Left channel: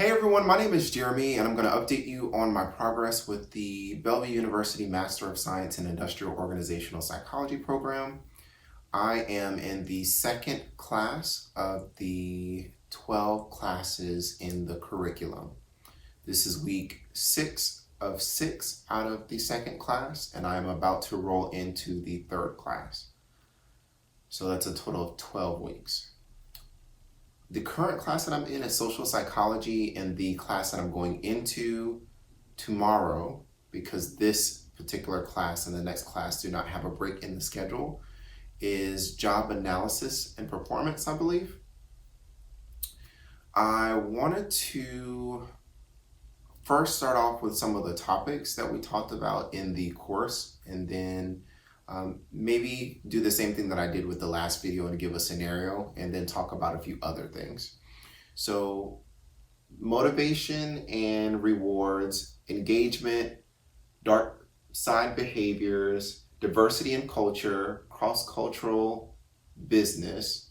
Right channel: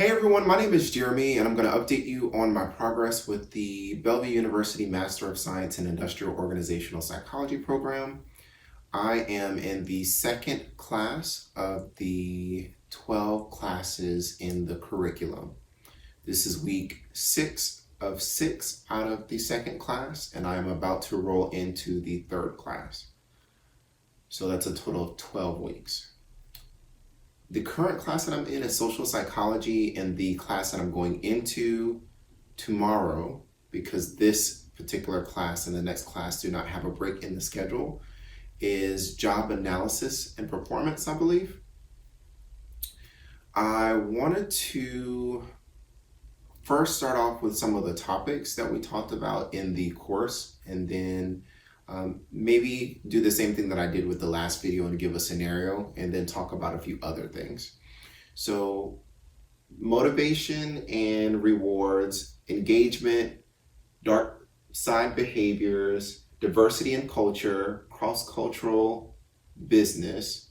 Hey everyone, my name is Jeremy and I'm going to update you on my progress with the Bellevue University Master of Science in Industrial Organizational Psychology program. I am in the second class of the 12 classes in the curriculum. This is week 6 of 6 out of the second class, and I am about to roll into the third class. So that's a total of 12 weeks. The current class that I'm in is social psychology, and the class that I'm going into tomorrow, because this particular class and the next class do not have a break in the schedule, is job analysis and performance, I believe. I wanted to first start off with some of the topics that we talked about in the course, and then maybe do the same thing that I did with the last video and give a scenario and then talk about a few other things. So motivation and rewards, engagement, dark side behaviors, diversity and culture, cross-cultural business,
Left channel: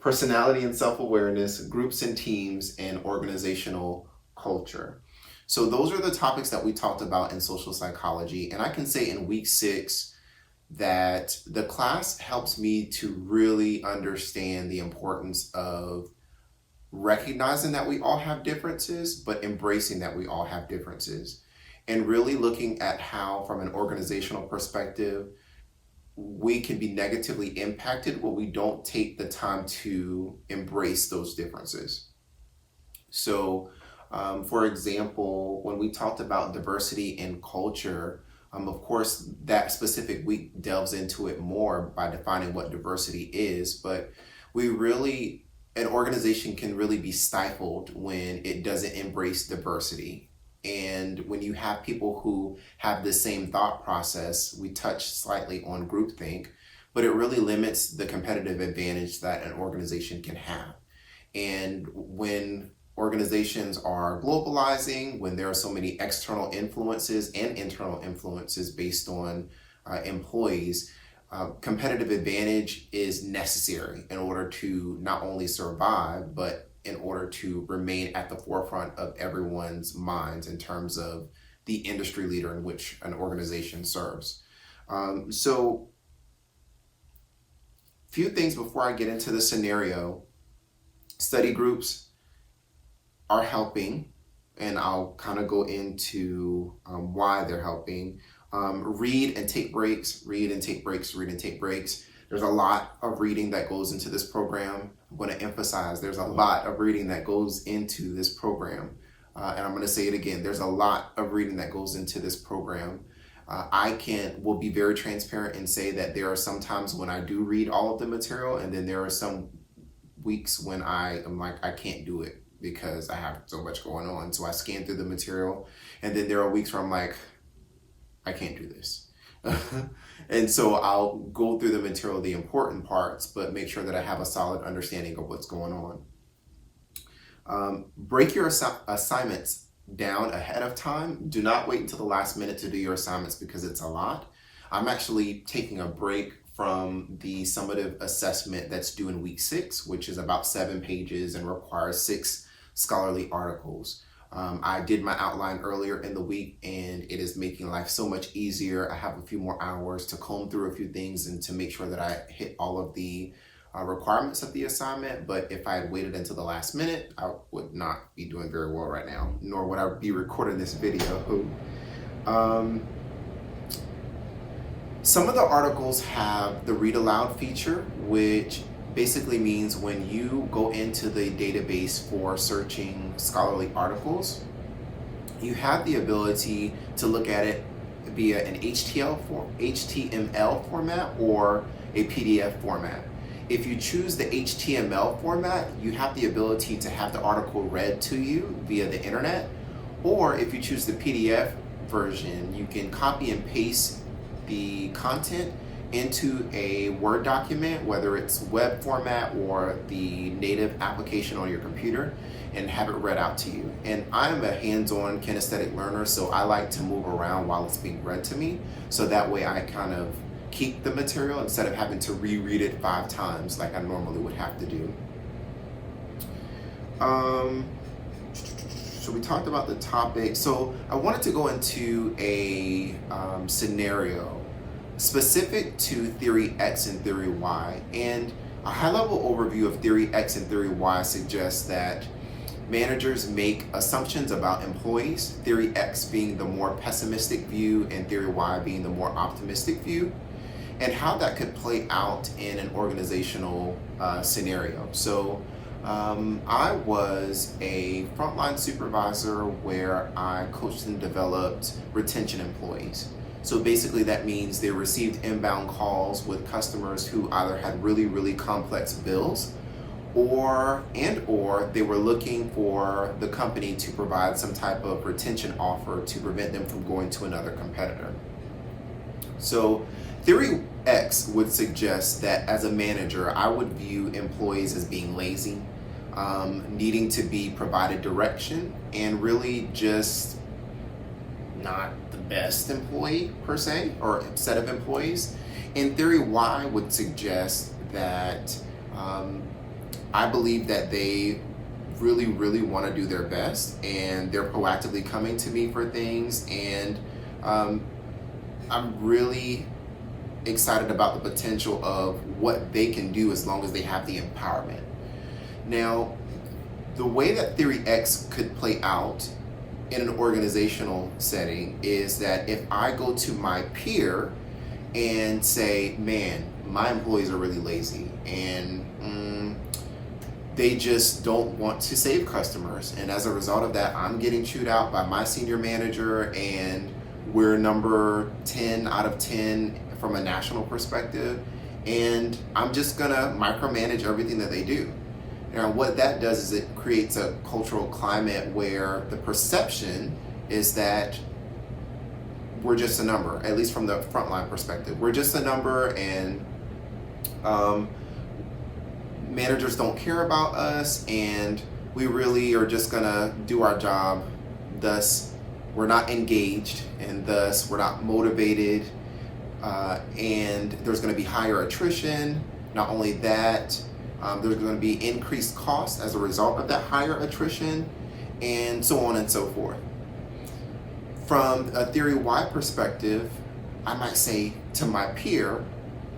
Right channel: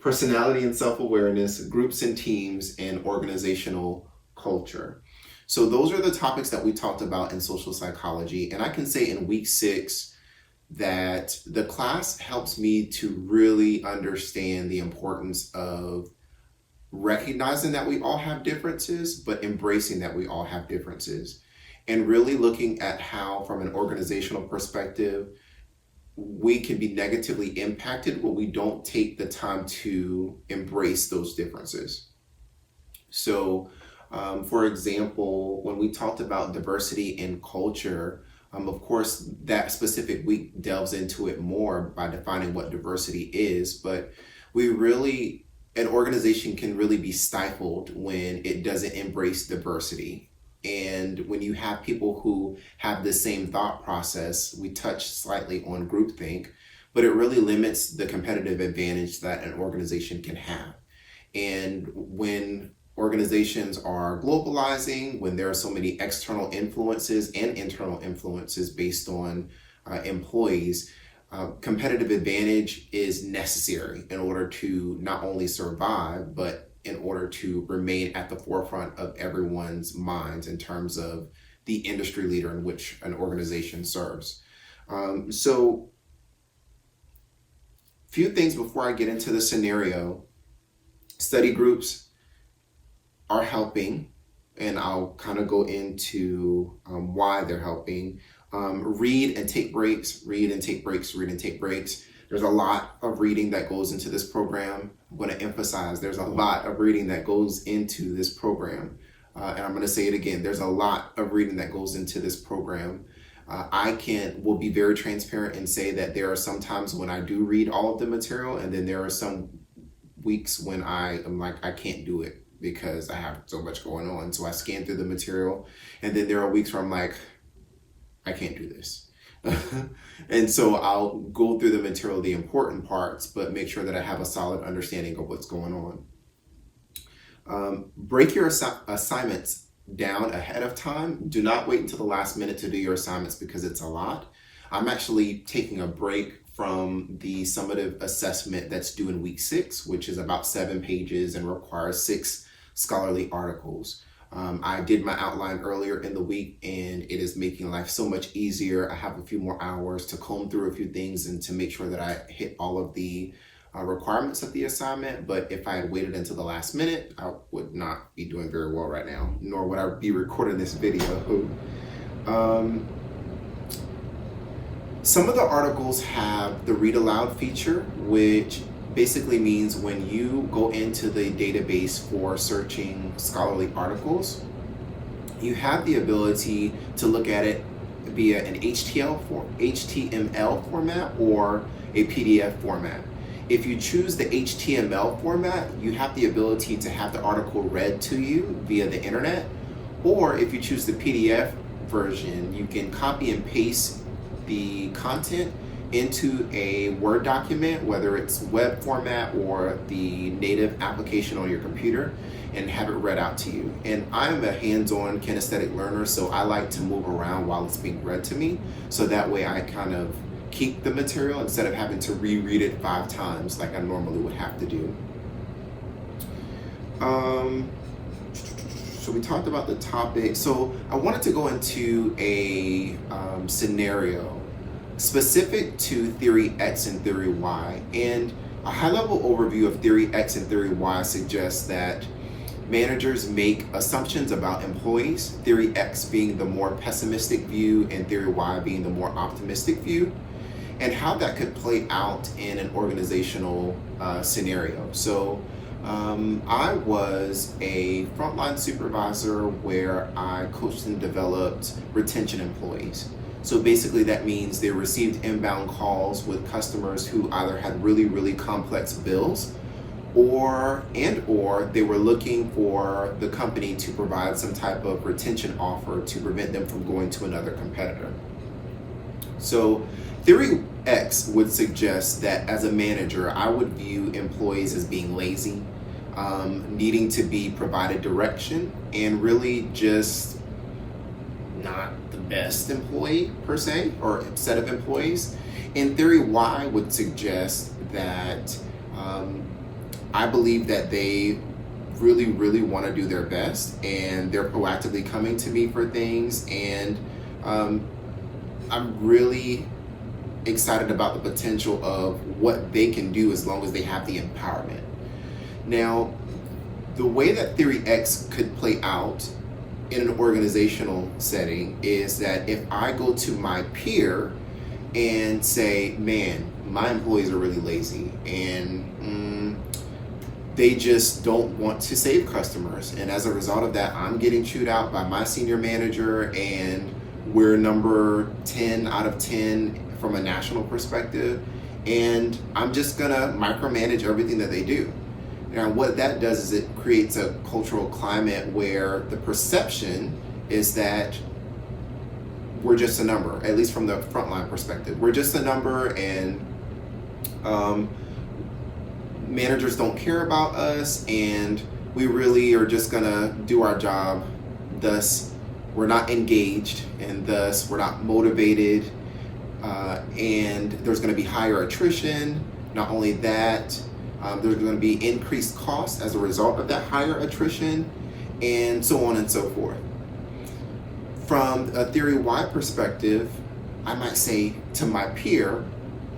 personality and self-awareness, groups and teams, and organizational culture. So those are the topics that we talked about in social psychology. And I can say in week 6 that the class helps me to really understand the importance of recognizing that we all have differences, but embracing that we all have differences. And really looking at how, from an organizational perspective, we can be negatively impacted when we don't take the time to embrace those differences. So, for example, when we talked about diversity and culture, of course, that specific week delves into it more by defining what diversity is, but an organization can really be stifled when it doesn't embrace diversity. And when you have people who have the same thought process, we touched slightly on groupthink, but it really limits the competitive advantage that an organization can have. And when organizations are globalizing, when there are so many external influences and internal influences based on employees, competitive advantage is necessary in order to not only survive, but in order to remain at the forefront of everyone's minds in terms of the industry leader in which an organization serves. So, few things before I get into the scenario. Study groups are helping, and I'll kind of go into why they're helping. Read and take breaks, read and take breaks, read and take breaks. There's a lot of reading that goes into this program. I'm going to emphasize there's a lot of reading that goes into this program. And I'm going to say it again, there's a lot of reading that goes into this program. Will be very transparent and say that there are some times when I do read all of the material, and then there are some weeks when I am like, I can't do it because I have so much going on. So I scan through the material, and then there are weeks where I'm like, I can't do this. And so I'll go through the material, the important parts, but make sure that I have a solid understanding of what's going on. Break your assignments down ahead of time. Do not wait until the last minute to do your assignments because it's a lot. I'm actually taking a break from the summative assessment that's due in week 6, which is about 7 pages and requires 6 scholarly articles. I did my outline earlier in the week, and it is making life so much easier. I have a few more hours to comb through a few things and to make sure that I hit all of the requirements of the assignment. But if I had waited until the last minute, I would not be doing very well right now, nor would I be recording this video. Some of the articles have the read aloud feature, which basically means when you go into the database for searching scholarly articles, you have the ability to look at it via an HTML format or a PDF format. If you choose the HTML format, you have the ability to have the article read to you via the internet, or if you choose the PDF version, you can copy and paste the content into a Word document, whether it's web format or the native application on your computer, and have it read out to you. And I'm a hands-on kinesthetic learner, so I like to move around while it's being read to me, so that way I kind of keep the material instead of having to reread it 5 times like I normally would have to do. Um, so we talked about the topic. So I wanted to go into a scenario specific to theory X and theory Y. And a high-level overview of theory X and theory Y suggests that managers make assumptions about employees, theory X being the more pessimistic view and theory Y being the more optimistic view, and how that could play out in an organizational scenario. So I was a frontline supervisor where I coached and developed retention employees. So basically that means they received inbound calls with customers who either had really, really complex bills or they were looking for the company to provide some type of retention offer to prevent them from going to another competitor. So theory X would suggest that as a manager, I would view employees as being lazy, needing to be provided direction, and really just not the best employee per se, or set of employees. And theory Y would suggest that I believe that they really, really want to do their best, and they're proactively coming to me for things, and I'm really excited about the potential of what they can do as long as they have the empowerment. Now, the way that theory X could play out in an organizational setting is that if I go to my peer and say, man, my employees are really lazy and they just don't want to save customers. And as a result of that, I'm getting chewed out by my senior manager, and we're number 10 out of 10 from a national perspective. And I'm just gonna micromanage everything that they do. Now, what that does is it creates a cultural climate where the perception is that we're just a number, at least from the frontline perspective. We're just a number, and managers don't care about us, and we really are just gonna do our job. Thus, we're not engaged, and thus we're not motivated, and there's gonna be higher attrition. Not only that, there's going to be increased costs as a result of that higher attrition, and so on and so forth. From a theory Y perspective, I might say to my peer,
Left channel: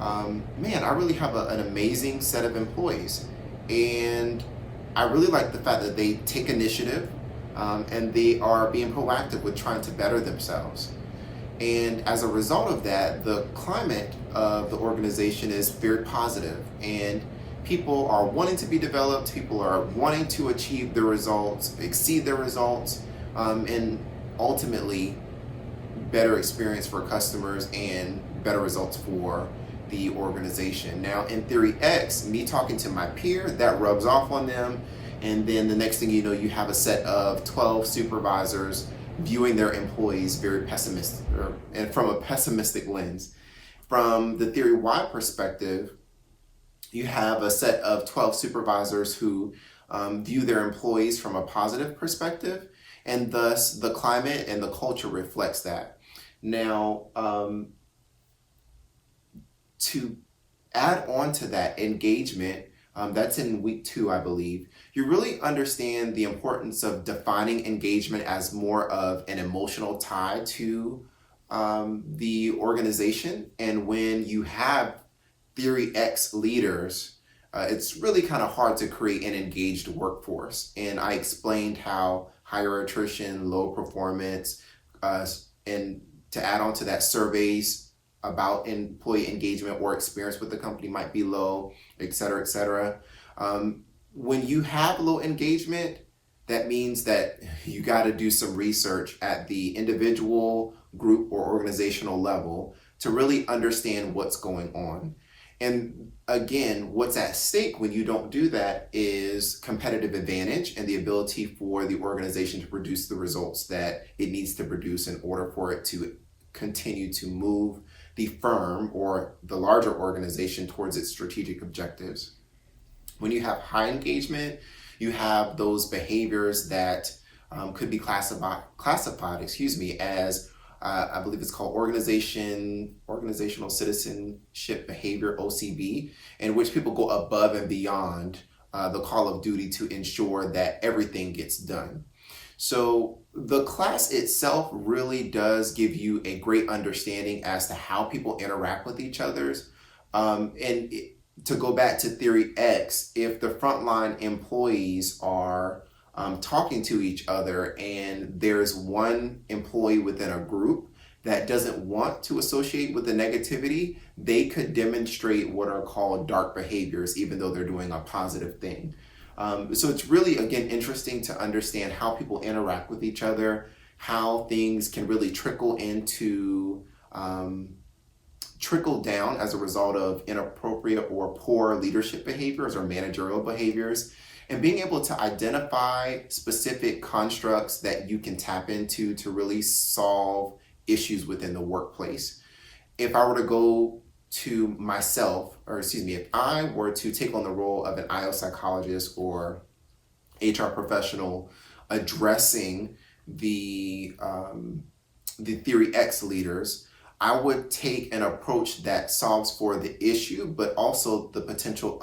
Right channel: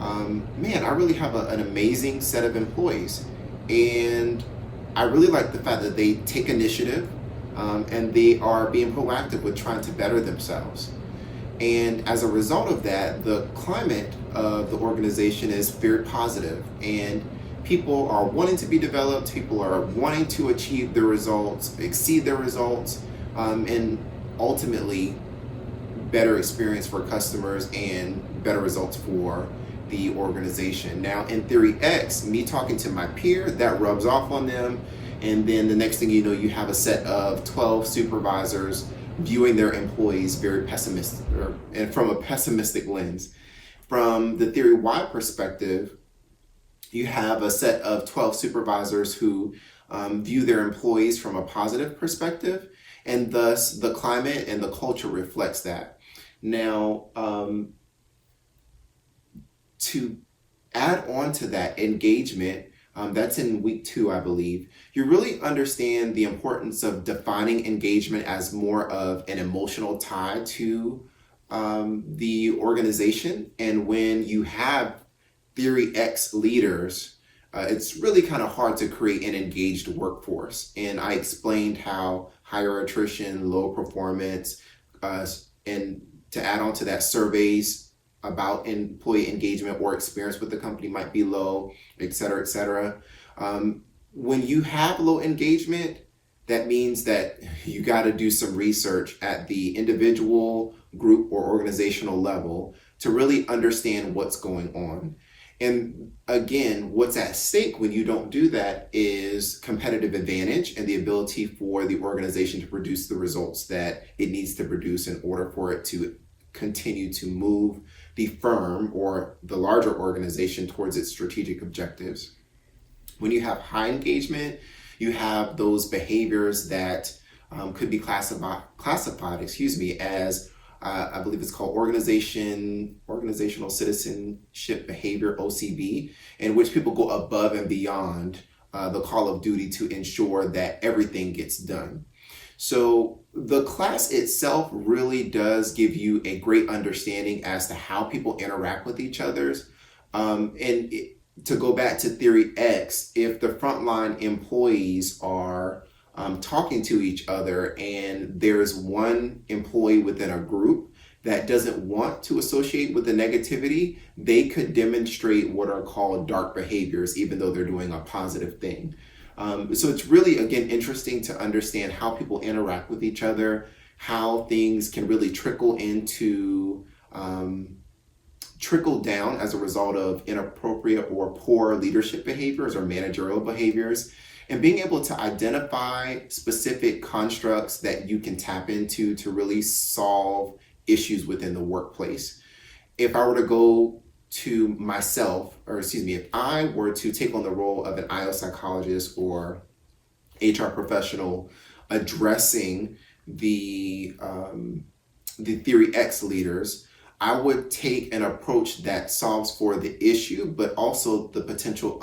man, I really have an amazing set of employees, and I really like the fact that they take initiative, and they are being proactive with trying to better themselves. And as a result of that, the climate of the organization is very positive, and people are wanting to be developed, people are wanting to achieve their results, exceed their results, and ultimately better experience for customers and better results for the organization. Now, in theory X, me talking to my peer, that rubs off on them, and then the next thing you know, you have a set of 12 supervisors viewing their employees very pessimistic, and from a pessimistic lens. From the theory Y perspective, you have a set of 12 supervisors who view their employees from a positive perspective, and thus the climate and the culture reflects that. Now, to add on to that engagement, that's in week 2, I believe, you really understand the importance of defining engagement as more of an emotional tie to the organization. And when you have theory X leaders, it's really kind of hard to create an engaged workforce. And I explained how higher attrition, low performance, and to add on to that, surveys about employee engagement or experience with the company might be low, et cetera, et cetera. When you have low engagement, that means that you got to do some research at the individual, group, or organizational level to really understand what's going on. And again, what's at stake when you don't do that is competitive advantage and the ability for the organization to produce the results that it needs to produce in order for it to continue to move the firm or the larger organization towards its strategic objectives. When you have high engagement, you have those behaviors that could be classified, as I believe it's called organizational citizenship behavior, OCB, in which people go above and beyond the call of duty to ensure that everything gets done. So the class itself really does give you a great understanding as to how people interact with each other's. To go back to Theory X, if the frontline employees are talking to each other and there's one employee within a group that doesn't want to associate with the negativity, they could demonstrate what are called dark behaviors, even though they're doing a positive thing. So it's really, again, interesting to understand how people interact with each other, how things can really trickle down as a result of inappropriate or poor leadership behaviors or managerial behaviors, and being able to identify specific constructs that you can tap into to really solve issues within the workplace. If I were to go to myself, if I were to take on the role of an IO psychologist or HR professional addressing the Theory X leaders, I would take an approach that solves for the issue, but also the potential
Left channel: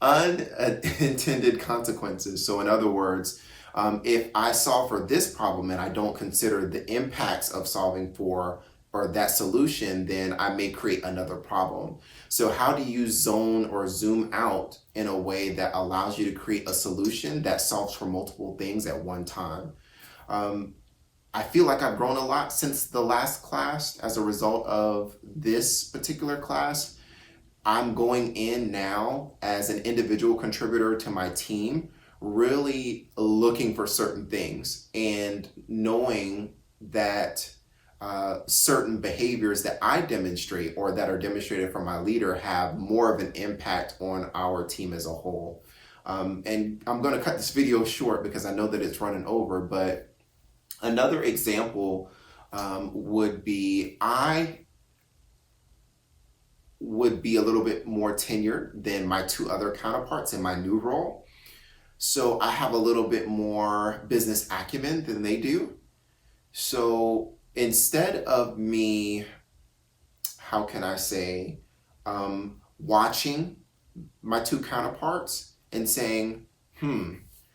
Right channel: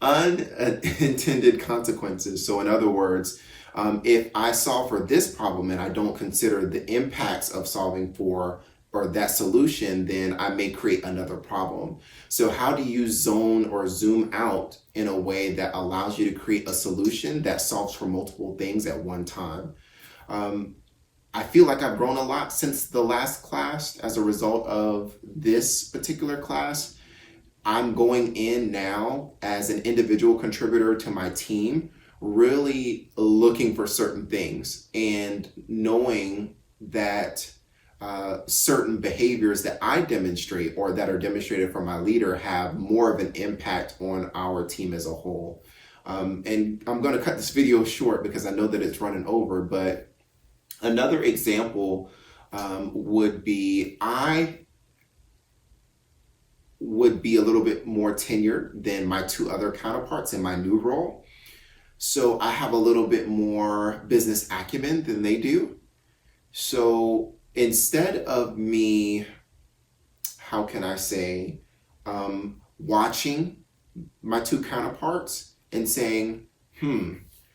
unintended consequences. So in other words, if I solve for this problem and I don't consider the impacts of solving for or that solution, then I may create another problem. So how do you zone or zoom out in a way that allows you to create a solution that solves for multiple things at one time? I feel like I've grown a lot since the last class as a result of this particular class. I'm going in now as an individual contributor to my team, really looking for certain things and knowing that certain behaviors that I demonstrate or that are demonstrated from my leader have more of an impact on our team as a whole. And I'm going to cut this video short because I know that it's running over, but another example would be I would be a little bit more tenured than my two other counterparts in my new role. So I have a little bit more business acumen than they do. So instead of me, how can I say, watching my two counterparts and saying,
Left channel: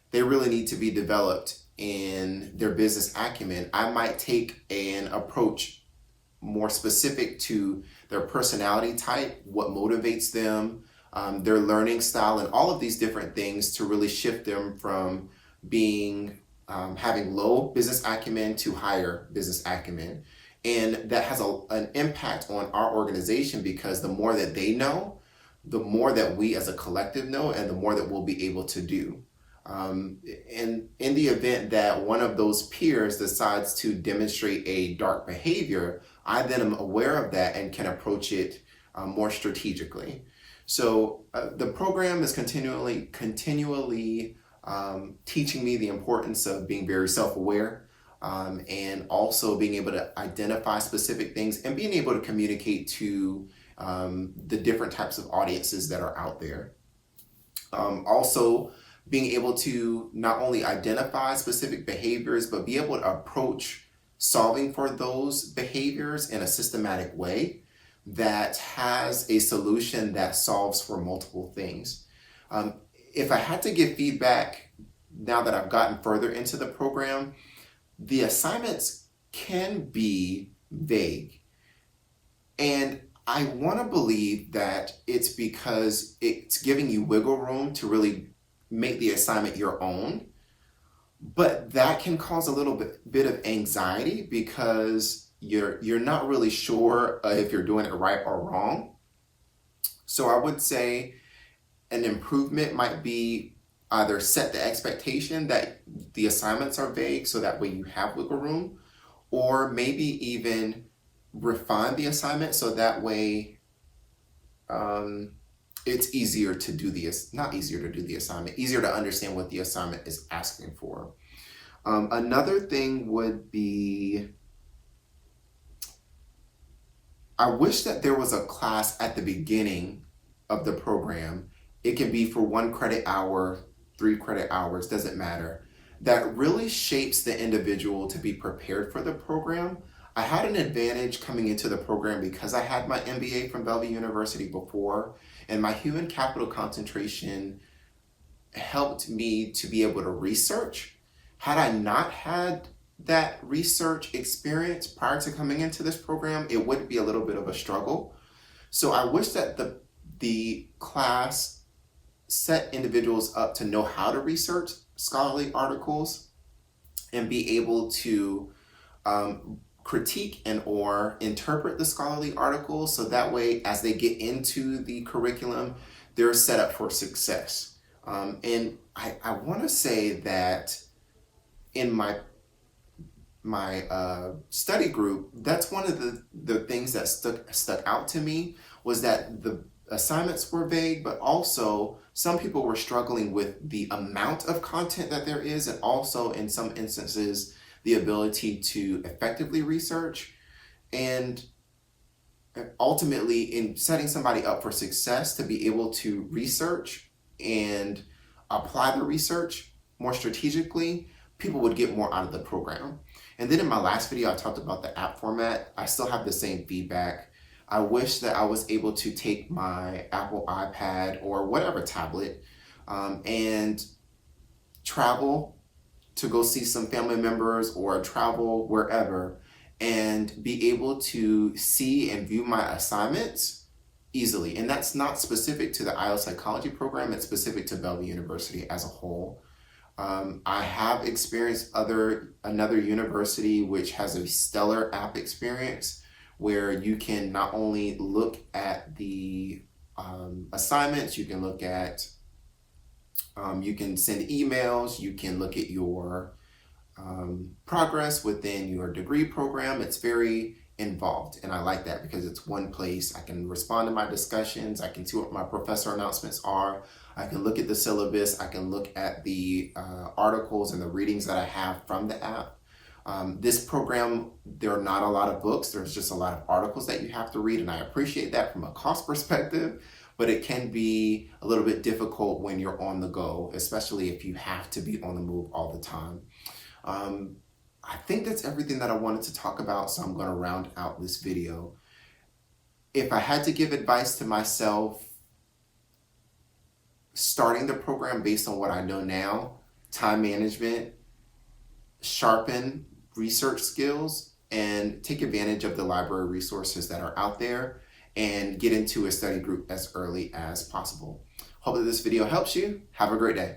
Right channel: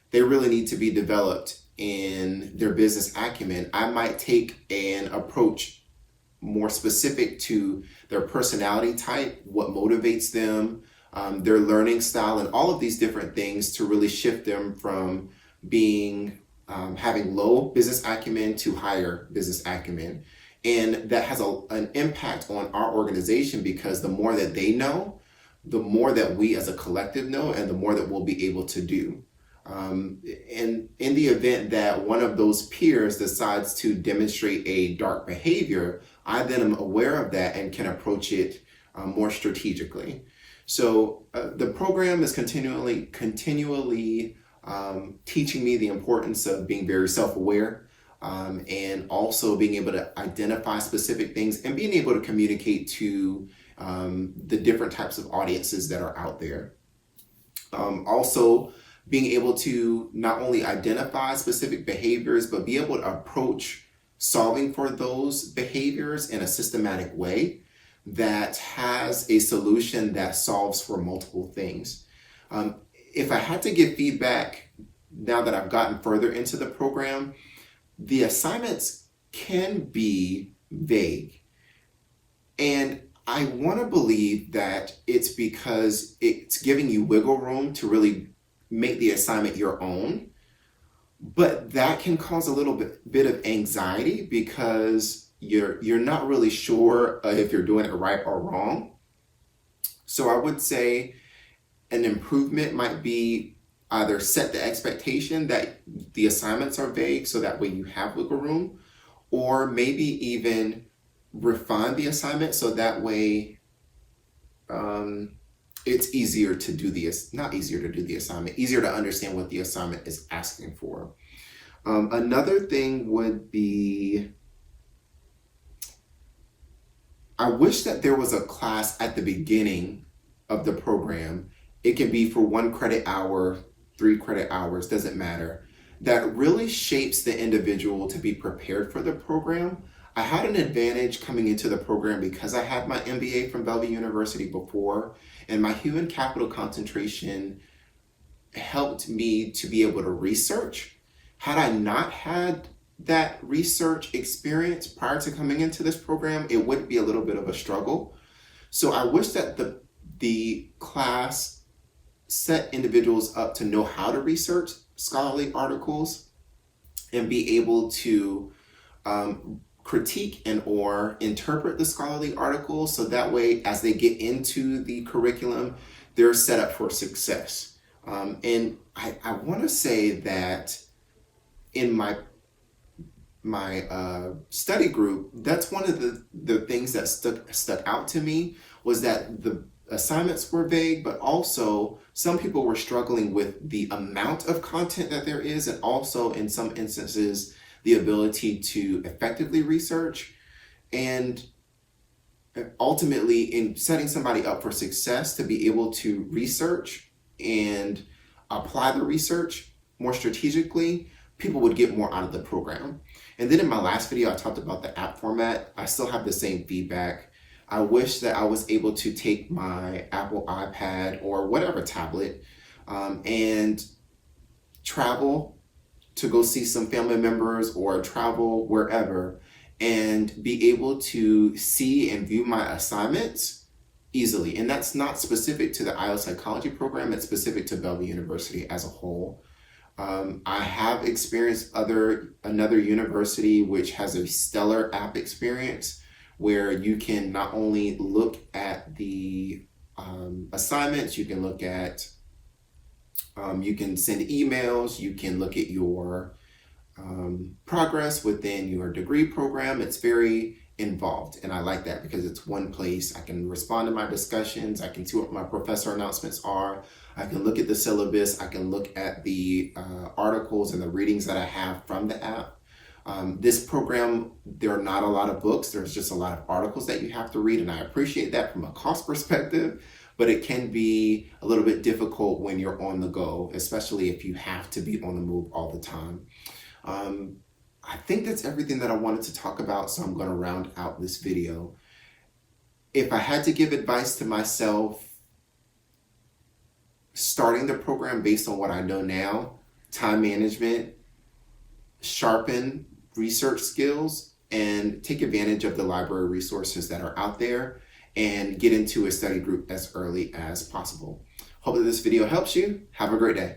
they really need to be developed in their business acumen, I might take an approach more specific to their personality type, what motivates them, their learning style, and all of these different things to really shift them from being having low business acumen to higher business acumen. And that has an impact on our organization because the more that they know, the more that we as a collective know, and the more that we'll be able to do. And in the event that one of those peers decides to demonstrate a dark behavior, I then am aware of that and can approach it more strategically. So the program is continually teaching me the importance of being very self-aware and also being able to identify specific things and being able to communicate to the different types of audiences that are out there. Also, being able to not only identify specific behaviors, but be able to approach solving for those behaviors in a systematic way that has a solution that solves for multiple things. If I had to give feedback now that I've gotten further into the program, the assignments can be vague. And I want to believe that it's because it's giving you wiggle room to really make the assignment your own. But that can cause a little bit of anxiety because you're not really sure if you're doing it right or wrong. So I would say an improvement might be either set the expectation that the assignments are vague so that way you have wiggle room, or maybe even refine the assignment so that way it's easier to do easier to understand what the assignment is asking for. Another thing would be, I wish that there was a class at the beginning of the program. It can be for 1 credit hour, 3 credit hours, doesn't matter, that really shapes the individual to be prepared for the program. I had an advantage coming into the program because I had my MBA from Bellevue University before, And my human capital concentration helped me to be able to research. Had I not had that research experience prior to coming into this program, it would be a little bit of a struggle. So I wish that the class set individuals up to know how to research scholarly articles and be able to critique and or interpret the scholarly articles, so that way as they get into the curriculum, they're set up for success. And I want to say that in my study group, that's one of the things that stuck out to me, was that the assignments were vague, but also some people were struggling with the amount of content that there is, and also in some instances the ability to effectively research. And ultimately, in setting somebody up for success to be able to research and apply the research more strategically, people would get more out of the program. And then in my last video, I talked about the app format. I still have the same feedback. I wish that I was able to take my Apple iPad or whatever tablet and travel to go see some family members or travel wherever and be able to see and view my assignments easily. And that's not specific to the IELTS psychology program, it's specific to Bellevue University as a whole. I have experienced another university which has a stellar app experience, where you can not only look at the assignments, you can look at, you can send emails, you can look at your progress within your degree program. It's very involved, and I like that because it's one place. I can respond to my discussions, I can see what my professor announcements are, I can look at the syllabus, I can look at the articles and the readings that I have from the app. This program, there are not a lot of books, there's just a lot of articles that you have to read, and I appreciate that from a cost perspective, but it can be a little bit difficult when you're on the go, especially if you have to be on the move all the time. I think that's everything that I wanted to talk about, so I'm going to round out this video. If I had to give advice to myself starting the program based on what I know now, time management, sharpen research skills, and take advantage of the library resources that are out there, and get into a study group as early as possible. Hope that this video helps you. Have a great day.